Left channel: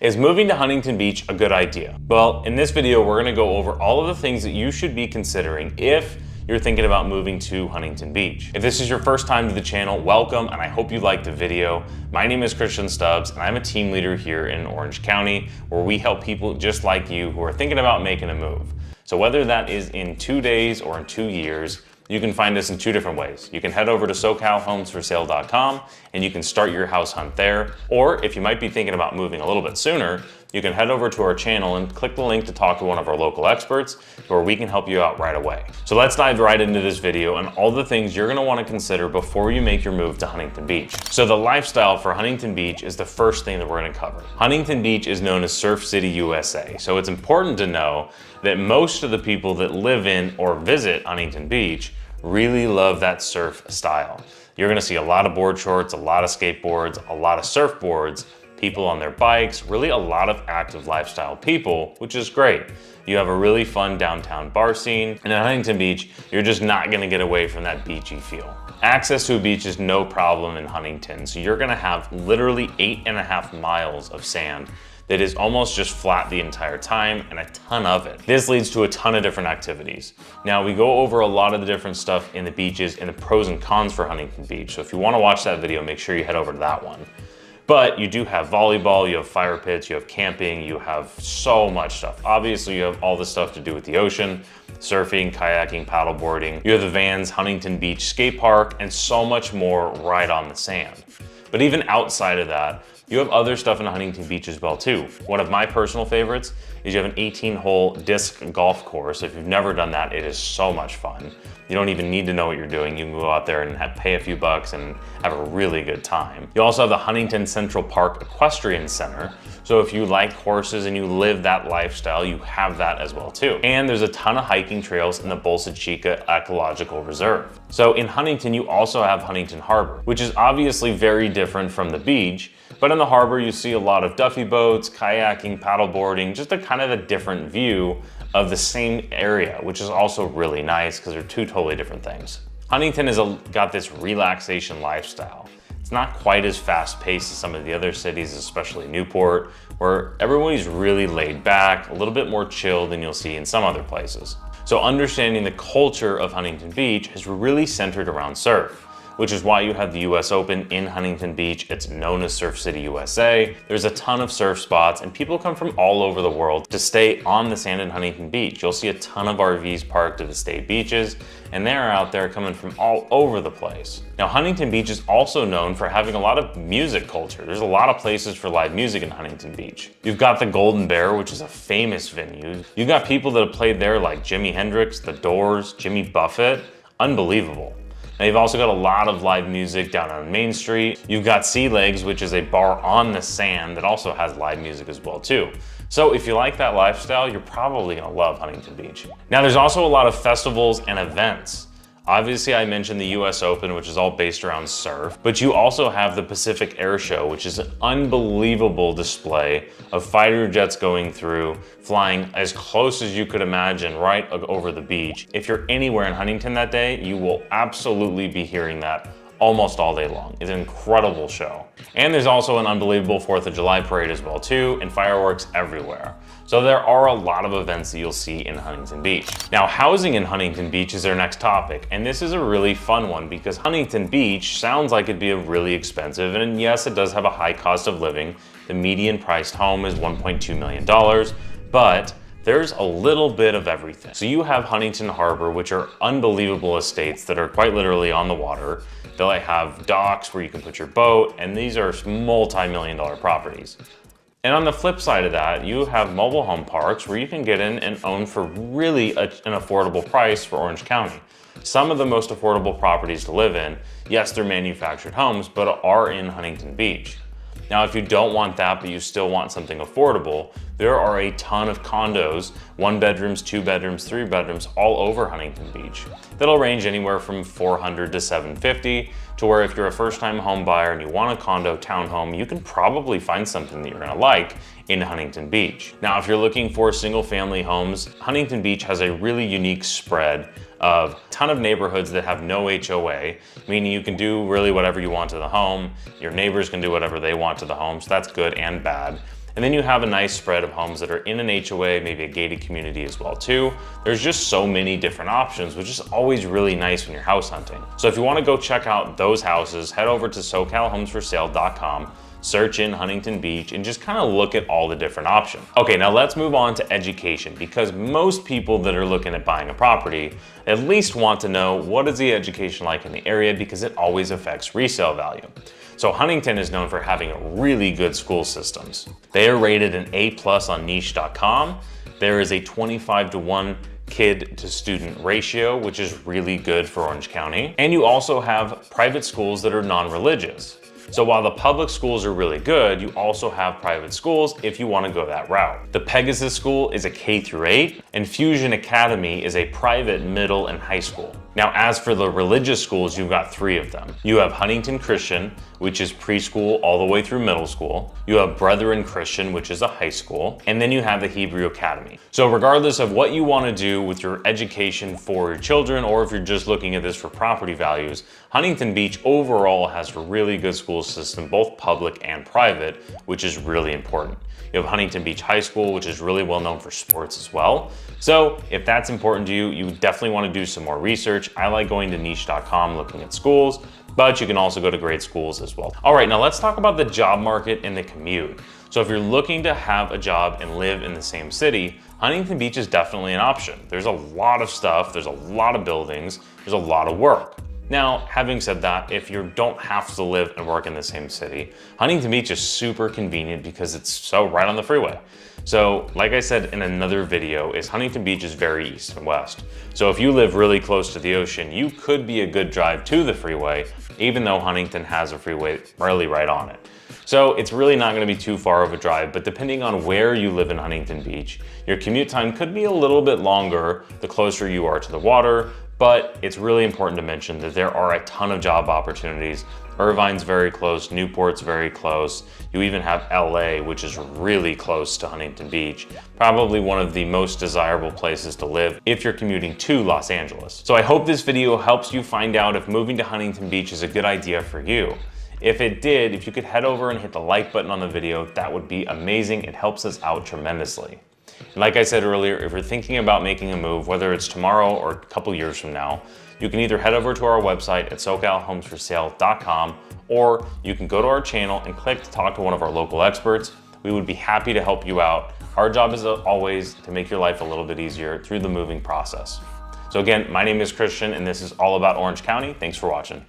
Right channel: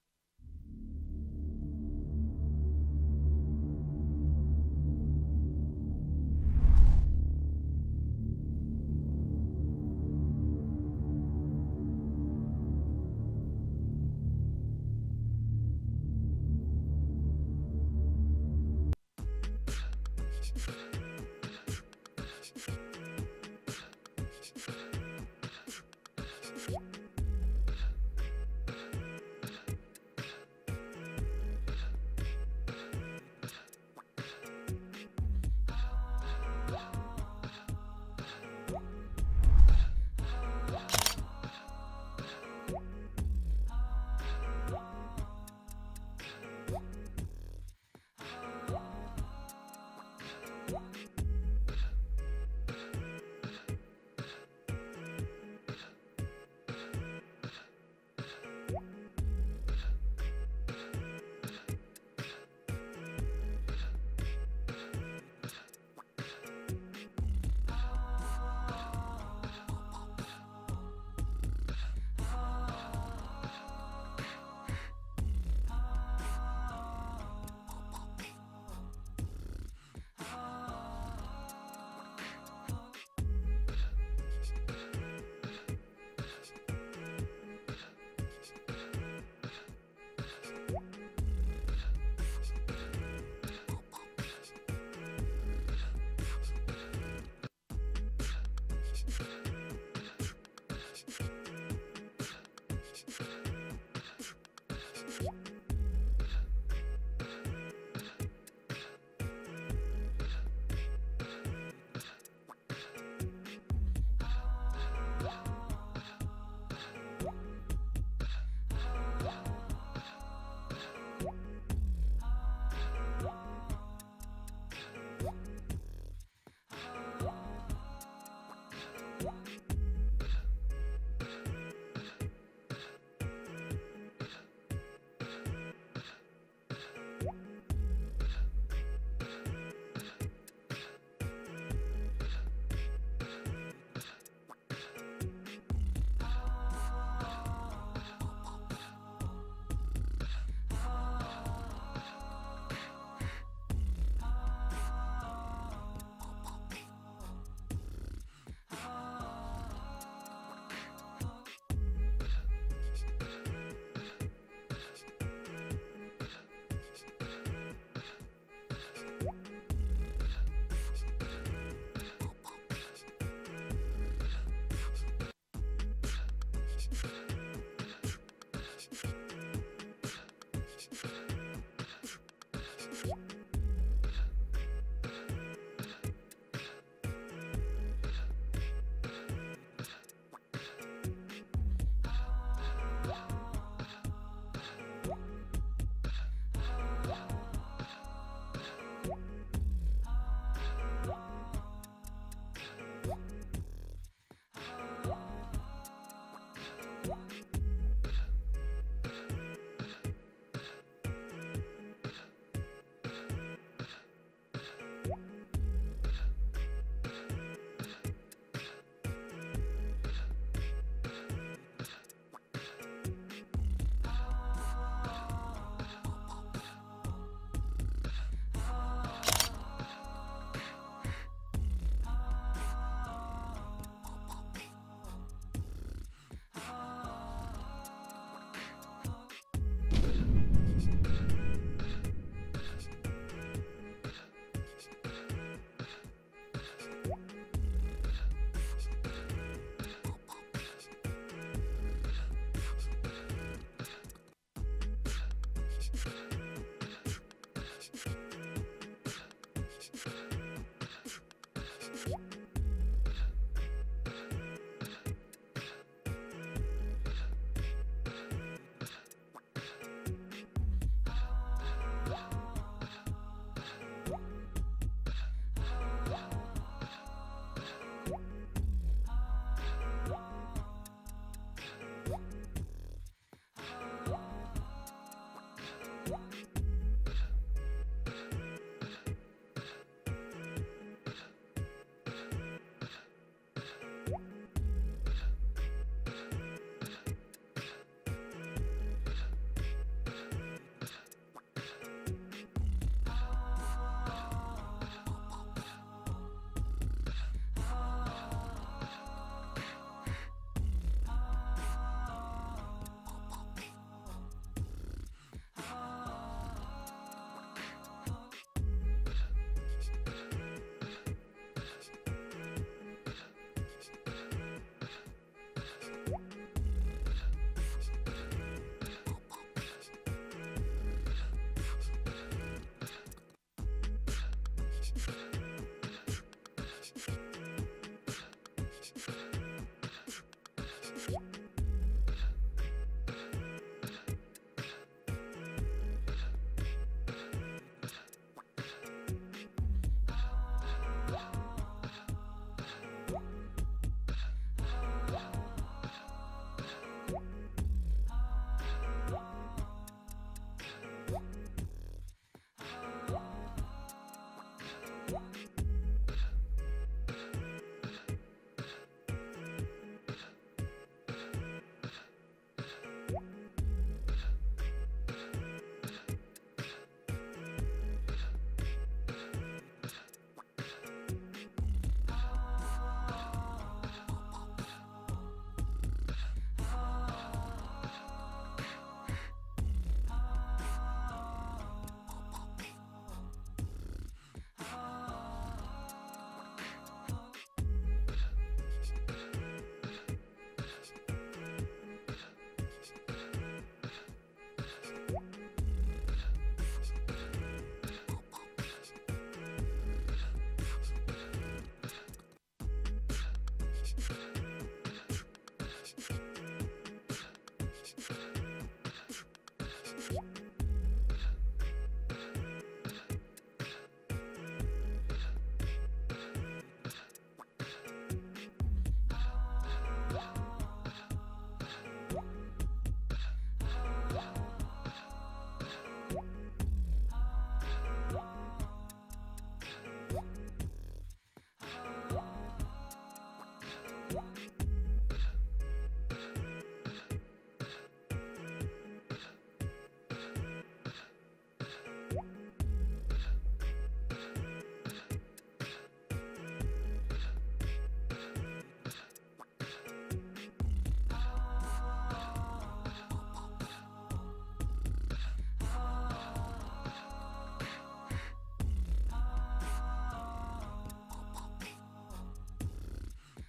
Is moving to Huntington Beach a good idea? Well, in this video, we're gonna go over all of the things that you should be considering if you're thinking about moving to Huntington Beach. If this is your first time to the channel, welcome, and I hope you liked the video. My name is Christian Stubbs, and I'm a team leader here in Orange County, where we help people just like you who are thinking about making a move. So whether that is in 2 days or in 2 years, you can find us in 2 different ways. You can head over to SoCalHomesForSale.com and you can start your house hunt there. Or if you might be thinking about moving a little bit sooner, you can head over to our channel and click the link to talk to one of our local experts where we can help you out right away. So let's dive right into this video and all the things you're gonna wanna consider before you make your move to Huntington Beach. So the lifestyle for Huntington Beach is the first thing that we're gonna cover. Huntington Beach is known as Surf City, USA. So it's important to know that most of the people that live in or visit Huntington Beach really love that surf style. You're gonna see a lot of board shorts, a lot of skateboards, a lot of surfboards, people on their bikes, really a lot of active lifestyle people, which is great. You have a really fun downtown bar scene, and at Huntington Beach, you're just not gonna get away from that beachy feel. Access to a beach is no problem in Huntington, so you're gonna have literally 8.5 miles of sand that is almost just flat the entire time, and a ton of it. This leads to a ton of different activities. Now, we go over a lot of the different stuff in the beaches and the pros and cons for Huntington Beach. So if you wanna watch that video, make sure you head over to that one. But you do have volleyball, you have fire pits, you have camping, you have so much stuff. Obviously, you have all the stuff to do with the ocean, surfing, kayaking, paddleboarding. You have the Vans Huntington Beach Skate Park, and so much more right on the sand. But even outside of that, you have other stuff in Huntington Beach as well too. One of my personal favorites is you have an 18-hole disc golf course. If you've never done that, it is so much fun. You don't even need to know what you're doing. You can go out there and pay a few bucks and have a really good time. You also have the Huntington Central Park Equestrian Center. So if you like horses and you live that lifestyle, you have that as well too. And there's a ton of hiking trails in the Bolsa Chica Ecological Reserve. So in Huntington, you also have Huntington Harbor, which is obviously very different from the beach. But in the harbor, you see a lot of duffy boats, kayaking, paddleboarding, just a kind of a different view of the same area, which is also really nice because they're 2 totally different things. Huntington has got this relaxation lifestyle. It's not quite as fast paced as some of the other cities, especially Newport, where everybody's really laid back, a little bit more chill than you'll see in some other places. So understanding the culture of Huntington Beach is really centered around surf, which is why you have the US Open in Huntington Beach. It's known as Surf City, USA. There's a ton of surf spots and people come from all over the world to stay on the sand in Huntington Beach. You'll see a ton of RVs parked at the state beaches, and they're out there coming from all over the place. Now, Huntington Beach is also known for having a lot of music culture. There's a lot of places for live music in Huntington Beach. You've got the Golden Bear, which is a famous venue. You've got people that have played there like Jimi Hendrix, The Doors, Jimmy Buffett. Unbelievable. Now, you've also got a lot of live music down on Main Street. You've got Sea Legs, which is a bar on the sand that also has live music as well too. So if you like that lifestyle, you're probably gonna love Huntington Beach. Now, there's also a lot of festivals and events. Obviously, I mentioned the US Open, which is all based around surf, but you also have the Pacific Air Show, which is an unbelievable display of fighter jets going through, flying as close as you could imagine right over the beach. If you're anywhere in Huntington that day, you will absolutely be hearing that almost all day long. It's an incredible show. And there's also an unbelievable 4th of July parade as well too, and fireworks everywhere. So there are a lot of events that you'll see in Huntington Beach. Now, housing in Huntington Beach is our next topic, and this is a really fun one because Huntington Beach sounds like it'd be a really expensive, and yes, it does have a high cost of living. The median priced home is $1.2 million, but there's a little bit of everything. So you have Huntington Harbor, which are unbelievable estates that are quite literally on the water. They'll have docks where you can put your boat, and these are multi-million-dollar properties. And on the flip side of that, you have mobile home parks where you can get in and own for really an affordable price for Orange County. Some of the most affordable properties to live in, yes, they're manufactured homes, but are in Huntington Beach. Now, if you don't want that, but you still want something affordable, there are a ton of condos, 1 bedrooms, 2 bedrooms, 3 bedrooms, all over Huntington Beach. That'll range anywhere from $400 to $750, to where if you're a first-time home buyer and you want a condo townhome, you can probably find something that you're gonna like in Huntington Beach. Now, if you're looking for single-family homes, Huntington Beach has a really unique spread of a ton of neighborhoods that have no HOA, meaning you can do really whatever you want to the home. Your neighbors can do whatever they want to the home, so that's good and bad. And then you have a nice spread of homes that are in an HOA, maybe a gated community as well too. There's just so many different options, which is always really nice when you're house hunting. So if you want to go check out those houses, head over to SoCalHomesForSale.com, search in Huntington Beach, and just kind of look at all the different options. Okay, now let's move on to education, because most people that are looking at buying a property at least want to know what is the education like in the area, because it always affects resale value. So Huntington is known for having really good school systems. They are rated an A+ on niche.com. There is a 25-to-1 kid to student ratio, which is really good for Orange County. And you also have private schools that are non-religious. So while the public schools are really good, you also have private schools if you want to go that route. The Pegasus School is a K-8, and Fusion Academy is a private middle and high school. Now, as for the religious schools, you've got 3 of them. You have Huntington Christian, which is preschool all the way through middle school. You have Brethren Christian, which is a high school. And then you have the Hebrew Academy. So regardless of what you want to do with your education for your children, or if you're just looking at this for property values, Huntington Beach overall has a really good school system, both public and private, which is really important. You have Huntington Beach High School, which is really well known for sports as well. So if that's important to you, you definitely want to do some more research. I like going to niche.com, looking at schools, but you can also go to great schools as well. All right, now let's talk about the job market and the commute. So if you're looking to have a job and live in the same city, Huntington Beach is definitely an option. There's a lot of stuff, there's a lot of buildings, there's a lot of work. Now, having said that, if you don't have to live and work in the same city, Huntington Beach is super convenient because it's so right on the freeway. So, like I said in another video, Huntington Beach is very east and west. So if you live really close to the ocean, you could be a good drive to the freeway, even though Huntington has a freeway really right on it. So it's really not going to be too far of a drive, but depending on where you live in Huntington Beach, your commute time could be a little bit longer the closer you are to the water. But it's really important to mention that there are a ton of job opportunities. Irvine's very close, Newport's very close. You even have LA, which is really close to Huntington Beach. Probably one of the most desirable places to live if you're commuting to Los Angeles. So I hope this video helps you find out if moving to Huntington Beach is a good idea for you. If it did, if you could head over and hit the like button on the video, that would be amazing. It helps us out tremendously. Like I said earlier, if you're thinking about making a move, whether it's tomorrow or a couple years from now, you can either head over to our website at SoCalHomesForSale.com, or you can go to our channel and click to talk to one of our local experts. We would be happy to help you out. Our job is always to make your life a little bit easier through the moving process. So again, my name is Christian, and this is all about Orange County. Thanks for watching.